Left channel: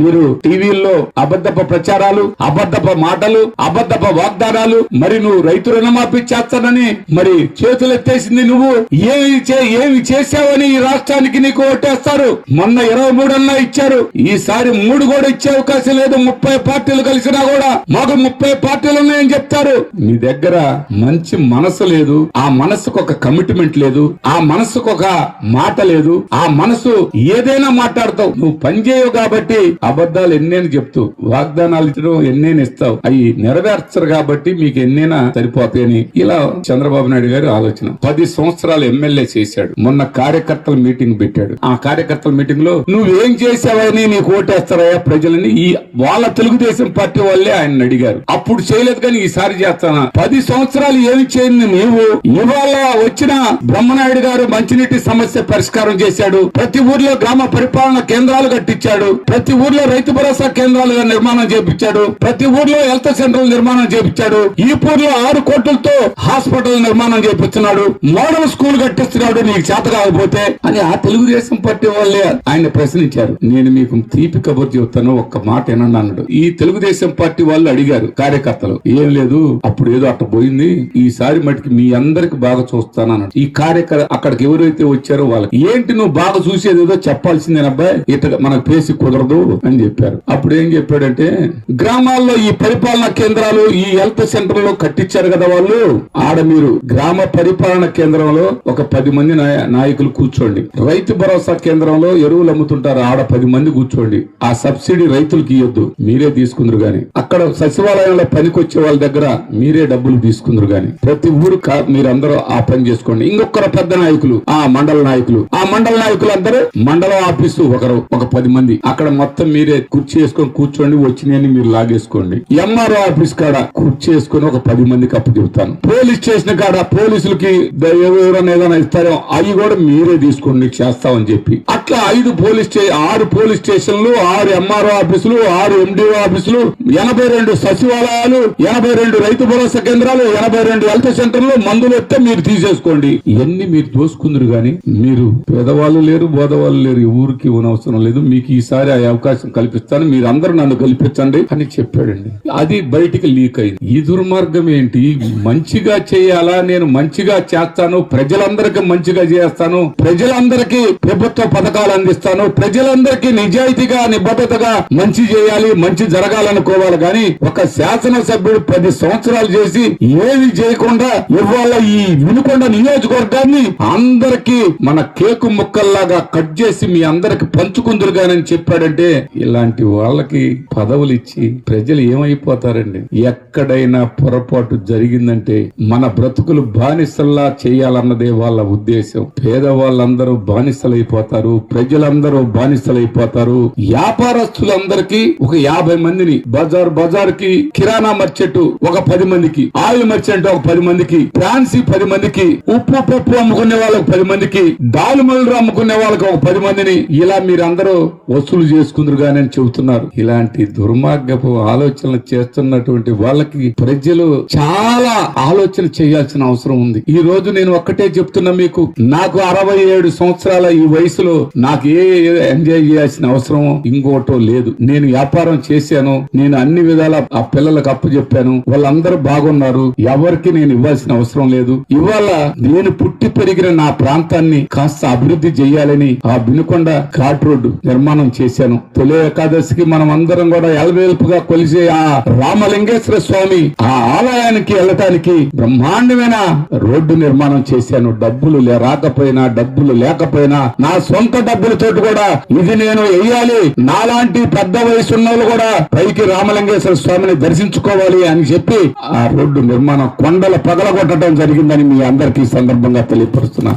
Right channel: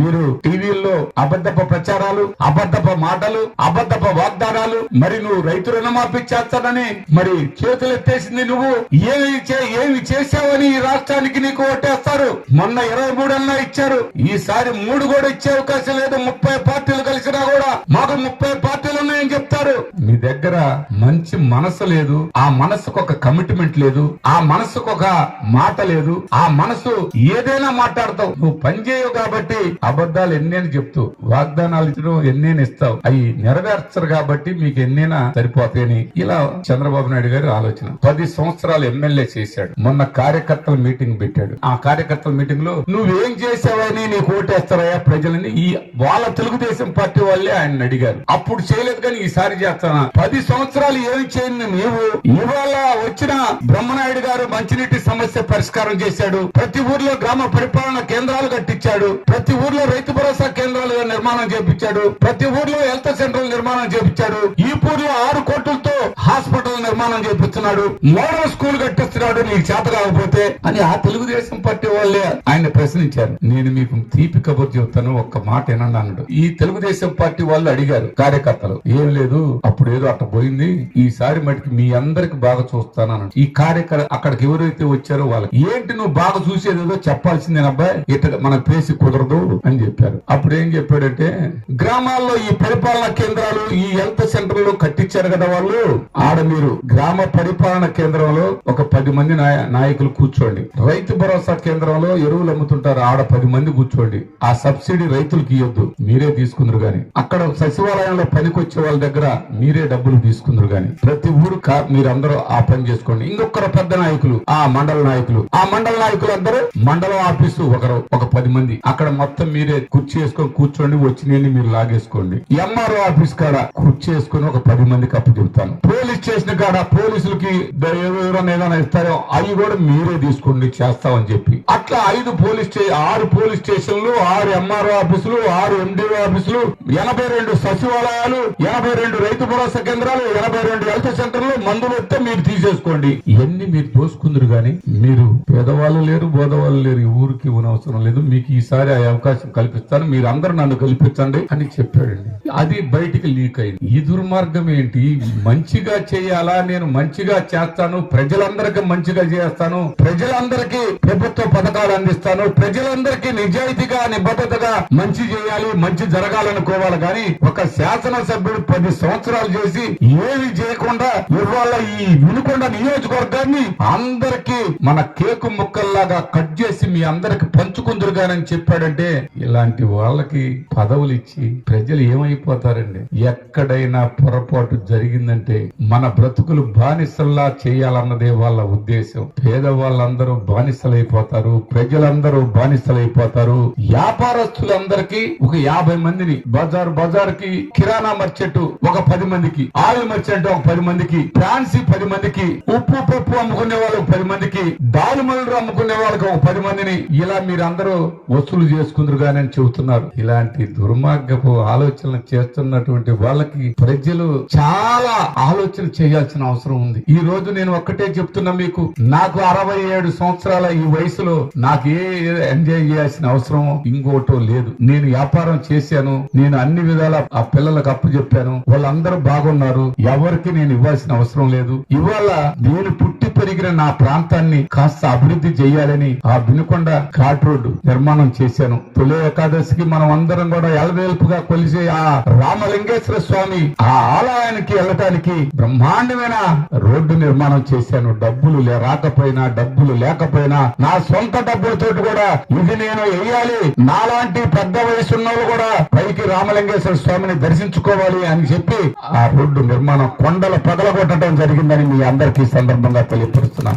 మీరు టీవీల్లో అబద్ధపు ప్రచారాలు, అబద్ధపు మాటలు, అబద్ధపు వాగ్దానాలు, మరి నువ్వు రైతు రుణమాఫీ చేస్తానని మరి చేతులెత్తేసింది నువ్వు. ఏమి చేశావని ఈ రాష్ట్రానికి నీకు ఓటేస్తారు. మొన్న 23 ఇచ్చారు, ఈసారి 3 కూడా ఇచ్చే అవకాశం లేదు. 30 పార్టీలు కలిసినా కూడా మాకు 30 పార్టీలు ఉన్నాయని చెప్తారు. మీ దగ్గర మంచి మనసు లేదు, ఆ మనసుకు ఒక కమిట్మెంట్ లేదు, ఆ మనసుకు ఒక మాట లేదు. ఆ మనసు ఏదైనా మాట్లాడతావు, నువ్వు పని చేయవు కాబట్టి అబద్ధాలు ఎన్నేని చెప్తూ వాగ్దానాలు ఇచ్చడం ఎన్నేని ఇస్తావు, అవి నెరవేర్చరు కాబట్టి మీకు ఎన్నైనా సరిపోతాయని ఇలా చంద్రబాబు నాయుడు గారు ఆలోచన. 10 సంవత్సరాలు ఎమ్మెల్యే చేశాడు. మొన్న కార్యకర్తల మీటింగ్ పెట్టాడు. ఆ కార్యకర్తల మీటింగ్ లో నువ్వేం చేసావని నీకు ఓటేస్తారయ్యా ప్రజలని వాళ్ళ తెలుగుదేశం పార్టీ వాళ్ళే ఆయన అడిగారు. అప్పుడు చేయలేదు కానీ ఈసారి చేస్తానా? 10 సంవత్సరాలు ఏమి చేయండి నీవు. ఇవాళ వచ్చిన బ్రహ్మనాయుడు గారు మంచినీటి సమస్య పరిష్కారం చేశాడు. ప్రతి ఊర్లో గ్రామ పరిపాలన కేంద్రాలు కట్టించాడు. ప్రతి ఊర్లో రైతు భరోసా కేంద్రాలుగా నిర్మాణం చేపించాడు. ప్రతి ఊర్లో హెల్త్ సెంటర్ నిర్మాణం చేపించాడు. ఈ ఊర్లో 6 కోట్లతో హాస్పిటల్ నిర్మాణం చేపిస్తున్నాడు. Model school కట్టిస్తున్నాడు. నీకు చేత కాకపోతే అని ఆ తెలుగుదేశం పార్టీ వాళ్ళే ఆయన ప్రశ్నించారు. నేను మీకు తీపి కబురు చెప్తాను, ఒక్క మాట ఏనన్నా అన్నాడు. ఈ తెలుగుదేశం పార్టీ వాళ్ళు అడిగారు కార్యకర్తలు, ఏం లేదు అప్పుడు ఏదో అట్ట పోయింది, ఈసారి మటుకు మీ అందరికి బాగా చూస్తానన్నాడు. ఈ కార్యకర్త అక్కడికి ఎవరైతే వచ్చారో వాళ్ళకి ఏంటి నువ్వు బాగా చూసేది ఏదో చెప్పాల్సిందేనబ్బాయి, ఇట మనకు పేసి కుదరదు అని చెప్పారు. అప్పుడు ఏం చెప్పాడంటే, గ్రామాల్లో ఈ పరిపాలనా కేంద్రాలు, ఈ హెల్త్ సెంటర్ లో కట్టించారు కదా వాళ్ళు, ఆడ మీరు గ్రామ పరిపాలన కేంద్రంలో ఒక 10 మంది నాయకులు కూర్చోండి. రైతు భరోసా కేంద్రంలో ఎరువులు అమ్ముతుంటారు, ఆడ 10 మంది కూర్చోండి. ఆ సబ్సిడీ రైతులకు ఇవ్వద్దు, మీరే తీసుకుందరు గాని. అక్కడ సచివాలయంలో పనికొచ్చే వాళ్ళ దగ్గర మీరే డబ్బులు తీసుకుందరు గాని. ప్రతి ఊరు మీరందరూ ఆ పని చేసుకోండి. ఇంకొకరు పెద్ద నాయకులు, ఆ మండల నాయకులు అందరూ మండల ఆఫీసు ఒక 10 మంది, అక్కడ మొత్తం మీరే కుర్చీ వేసుకొని కూర్చోండి, వచ్చినాయని మీరు లాగేసుకోండి. ఎంఆర్ఓ ఆఫీస్ కాడ కుర్చీ వేసుకొని ఒక 10 మందికి అప్పు చెబుతాను. పోలీస్ స్టేషన్ కాడ పోలీసులకి ఎవరైనా ఏదైనా ఇస్తారో అవి కూడా మీరే తీసుకోండి చేస్తామని చెప్పి, అట్లా 6 పోలీస్ స్టేషన్లు, 6 ఎంఆర్ఓ ఆఫీసులు, 6 ఎండిఓ ఆఫీసులు, 82 సచివాలయాలు, 82 రైతు భరోసా కేంద్రాలు, 82 హెల్త్ సెంటర్లు, మందులు వస్తే మీరు తీసేసుకోండి. ఇవన్నీ మీరు దోసుకుందరు గాని మీరు పేదవాళ్ళు లేరు, బోధవాళ్ళు లేరు, ఊరికి అవసరం లేదు. మీకు ఈసారి ఆ అవకాశం కల్పిస్తాను, మీరు అందరూ నన్ను కల్పించండి అని చెప్పాడండి. అది బయటికి లీక్ అయింది. ఈ దుర్మార్గం ఏంటి? మంచిగా చేయాలా, నేను మంచిగా చేస్తాను, ప్రజలందరికీ మంచిగా చేస్తాను, ప్రజలందరికీ ప్రభుత్వ పథకాలు అందిస్తాను, ప్రజలందరికీ నిజాయితీగా నిబద్ధతగా మంచి చేయాలి, మంచి జరగాలనుకోవాలి. కానీ ఒక శాసనసభ్యుడు 10 సంవత్సరాలు చేసి ఏమి చేయకుండా ఇవాళ ఈ వినుకొండ నియోజకవర్గాన్ని అందరికీ మన కేకు ముక్కల్లాగా కట్ చేసి మీ అందరికి పంచుకుందురుగానని చెప్పాడంటే, ఇలాంటి వాళ్ళకి పదవులు ఇచ్చి ప్రజలు ఏమైపోతారండి? ఎక్కడైనా పొరపాటు జరిగిందంటే మన బ్రతుకులు బానిసల్లా చేయాలన్నదే వాళ్ళ ఉద్దేశం. పేదవాళ్ళందరూ బానిసలైపోతారు, ప్రజలందరూ బానిసలైపోతారు. వ్యాపారస్తులందరికీ ఒక 50 మందిని, బజార్కి కిరాణా మర్చెంట్ ఒక 10 మందికి, ఆయిల్ మర్చెంట్ ఒక 10 మందికి, ఫ్రాన్సీ 10 మందికి, ఉప్పు పప్పు అమ్ముకునే వాళ్ళకి 10 మందికి, దాల్మల్లు అమ్ముకునే వాళ్ళకి ఒక 10 మందిని, ఇలా మీరందరూ వసూలు చేసుకుందరు గాని అని చెబుతున్నారు. ఇలాంటి దుర్మార్గపు ఆలోచనలు చేస్తున్నటువంటి వాళ్ళకి ప్రజలు చాలా ఆలోచన చేయాల్సిన అవసరం ఉంది. ఈ రోజు నేను ఒక్కటే చెప్తున్నా మీకు, నాకు 67 సంవత్సరాల ఈ వయసులో నాకు ఎంజాయ్ చేయాల్సిన అవసరం ఇంకోటో లేదు. నేను వ్యాపారం చేశాను, నేను అన్ని విధాల ఆ పిల్లలకు అప్పు చెప్పాను, వాళ్ళందరూ బాగున్నారు, ఎవరికి నేను ఇవ్వాల్సిన అవసరం లేదు. ఇవాళ నేను పుట్టి పెరిగిన నా ప్రాంతాన్ని కాస్త అభివృద్ధి చేయాలని ఆ వినుకొండ ఘాట్ రోడ్డు నిర్మాణం చేశాను. తొలి ఏకాదశికి మనం అందరం కూడా ఎలవేల్పుగా కొలిసే ఆ రామలింగేశ్వర స్వామి ఆ ఆలయానికి వెళ్ళటానికి బ్రహ్మాండమైన రోడ్డు నిర్మాణం చేశాను. డబ్బులు రాకపోయినా, డబ్బులు లేకపోయినా, నా సొంత డబ్బులతోటి కూడా ఇది నేను వేయాలి, నాలాంటి పెద్ద వయసు ఉన్న వాళ్ళు కూడా పైకి రామలింగేశ్వర స్వామిని దర్శించుకోవాలి అని చెప్పి ఆ రోడ్డు నిర్మాణం కొండలు పగలగొట్టడం జరిగిందని మీ అందరికీ సందర్భంగా తెలియపరుస్తున్నా.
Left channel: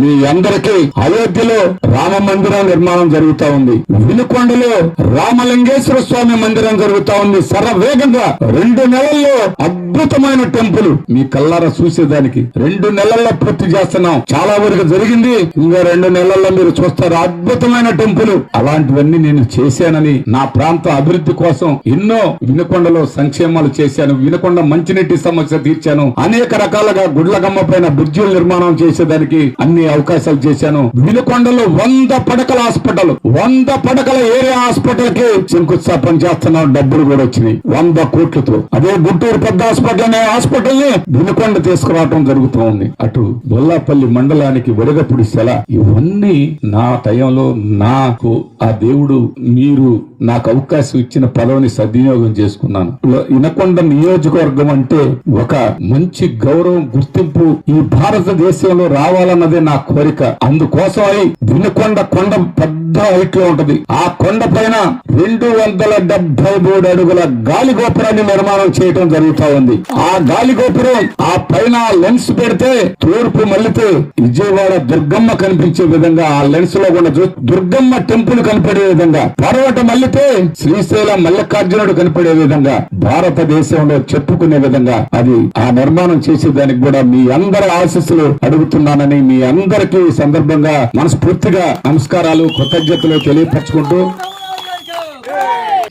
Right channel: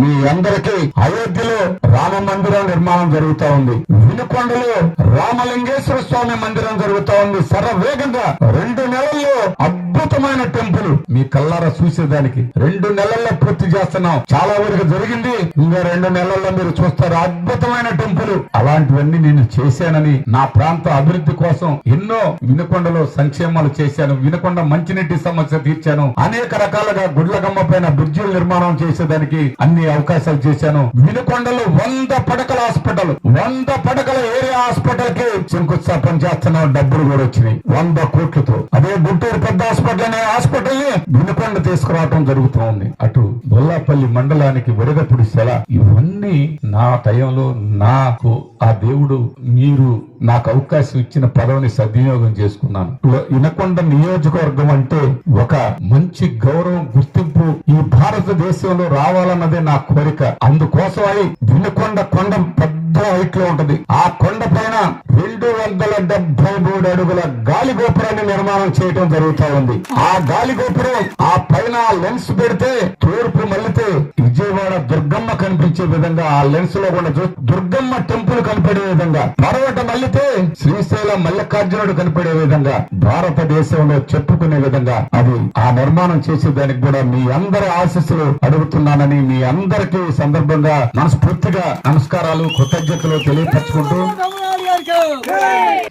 మీ అందరికీ అయోధ్యలో రామ మందిరం నిర్మాణం జరుగుతా ఉంది, వినుకొండలో రామలింగేశ్వర స్వామి మందిరం జరుగుతా ఉంది. శరవేగంగా 2 నెలల్లో అద్భుతమైన టెంపుల్ మీ కల్లారా చూసేదానికి 2 నెలల్లో పూర్తి చేస్తున్నాం. చాలా వరకు జరిగింది, ఇంకా 2 నెలల్లో మీరు చూస్తారు అద్భుతమైన టెంపుల్. అలాంటివన్నీ నేను చేశానని, నా ప్రాంత అభివృద్ధి కోసం ఎన్నో వినుకొండలో సంక్షేమాలు చేశాను, వినుకొండ మంచినీటి సమస్య తీర్చాను, అనేక రకాలుగా గుడ్లగమ్మ పైన బ్రిడ్జిల నిర్మాణం చేసేదానికి అన్ని అవకాశాలు చేశాను. వినుకొండలో 100 పడకల హాస్పిటల్, 100 పడకల ఏరియా హాస్పిటల్ హాస్పిటల్ కి శంకుస్థాపన చేస్తున్నాం, డబ్బులు కూడా వచ్చినాయి 100 కోట్లతో. అదే గుంటూరు పెద్ద హాస్పిటల్ అనే హాస్పిటల్ ని వినుకొండ తీసుకురావడం జరుగుతూ ఉంది. అటు బొల్లాపల్లి మండలానికి వడగపుడి సెల. ఇవన్నీ నా టైంలో నాకు ఆ దేవుడు మీరు నాకు అవకాశం ఇచ్చిన పదవిని సద్వినియోగం చేసుకున్నాను. వినకొండ నియోజకవర్గం అంటే ఒక మంచి గౌరవం, గుర్తింపు ఈ భారతదేశంలో రావాలన్నదే నా కోరిక. అందుకోసమై వినకొండ కొండ పెద్ద హైట్ లో ఉంటది. ఆ కొండ పైన 273 అడుగుల గాలి గోపురాన్ని నిర్మాణం చేయడం జరుగుతా ఉంది. ఆ గాలి గోపురం ఆ పైన లెన్స్ పెడితే తూర్పు మళ్ళితే విజయవాడ దుర్గమ్మ కనిపించే విధంగా, ఆ లెన్స్ లో కూడా దుర్గమ్మ టెంపుల్ కనిపడే విధంగా, పర్వత మళ్ళితే శ్రీశైలం మల్లికార్జునుడు కనిపడే విధంగా, భారతదేశంలో చెప్పుకునే విధంగా అది ఆ నిర్మాణం చేసేదానికి కూడా మీ అందరి ఆశీస్సులు అడుగుతున్నానని మీ అందరికీ సందర్భంగా మనస్ఫూర్తిగా నమస్కారాలు, కృతజ్ఞతలు తెలియపరచుకుంటూ,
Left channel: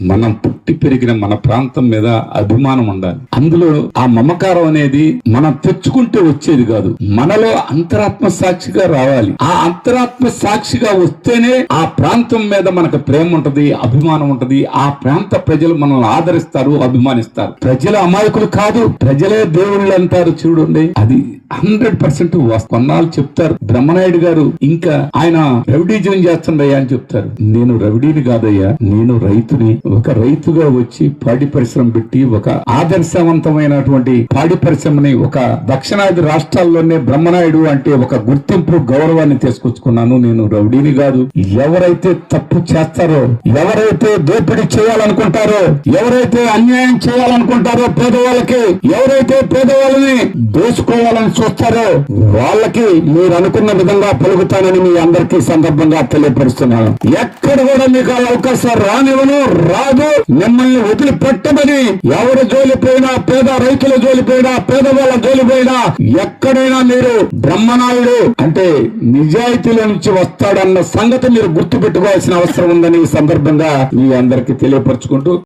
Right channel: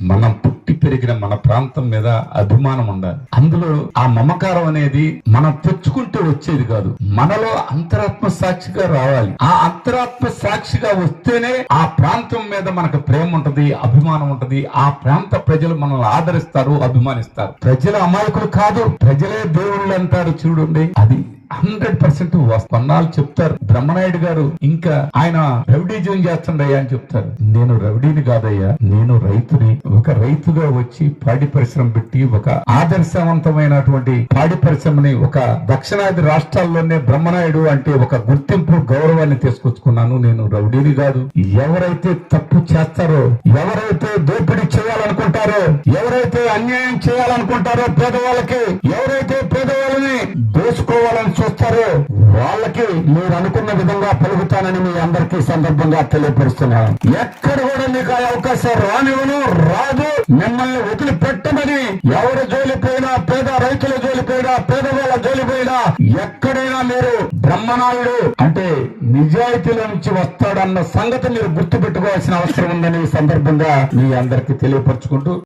మనం పుట్టి పెరిగిన మన ప్రాంతం మీద అభిమానం ఉండాలి. అందులో ఆ మమకారం అనేది మనం తెచ్చుకుంటే వచ్చేది కాదు, మనలో అంతరాత్మ సాక్షిగా రావాలి. ఆ అంతరాత్మ సాక్షిగా వస్తేనే ఆ ప్రాంతం మీద మనకు ప్రేమ ఉంటది, అభిమానం ఉంటది. ఆ ప్రాంత ప్రజలు మనల్ని ఆదరిస్తారు, అభిమానిస్తారు. ప్రజలు అమాయకులు కాదు, ప్రజలే దేవుళ్ళు అంటారు. చూడండి, అది 100% కొన్నాళ్ళు చెప్తారు. బ్రహ్మనాయుడు గారు ఇంకా ఆయన రౌడీజం చేస్తుండయ్యా అని చెప్తారు. నేను రౌడీని కాదయ్యా, నేను రైతుని. ఒక రైతుగా వచ్చి పాడి పరిశ్రమ పెట్టి ఒక ఆదర్శవంతమైనటువంటి పాడి పరిశ్రమని ఒక దక్షిణాది రాష్ట్రాల్లోనే బ్రహ్మనాయుడు అంటే ఒక గుర్తింపు, గౌరవాన్ని తీసుకొచ్చుకున్నాను. నేను రౌడీని కాదు. ఎవరైతే తప్పు చేస్తారో, ఎవరైతే దోపిడీ చేయాలనుకుంటారో, ఎవరైతే అన్యాయం చేయాలనుకుంటారో, పేదవాళ్ళకి ఎవరైతే పేదవాళ్ళని దోసుకోవాలని చూస్తారో వాళ్ళకి మీరు అనుకున్న విధంగా పలుకుతానని మీ అందరికీ సందర్భంగా తెలియపరుస్తున్నాను. ఎక్కడ కూడా మీకు ఆ అవకాశం రానివ్వను, రాదు. మిమ్మల్ని వదిలిపెట్టమని ఎవరు జోలిపోయినా, పేద రైతుల జోలిపోయినా, పేదవాళ్ళ జోలిపోయినా, ఎక్కడైనా మీరు బ్రహ్మనాయుడు అంటే నిజాయితీల నుంచి వస్తాడన్న సంగతి మీరు గుర్తు పెట్టుకోవాల్సిన అవసరం ఉందని ఈ సందర్భంగా మీ అందరికీ తెలియపరచుకుంటూ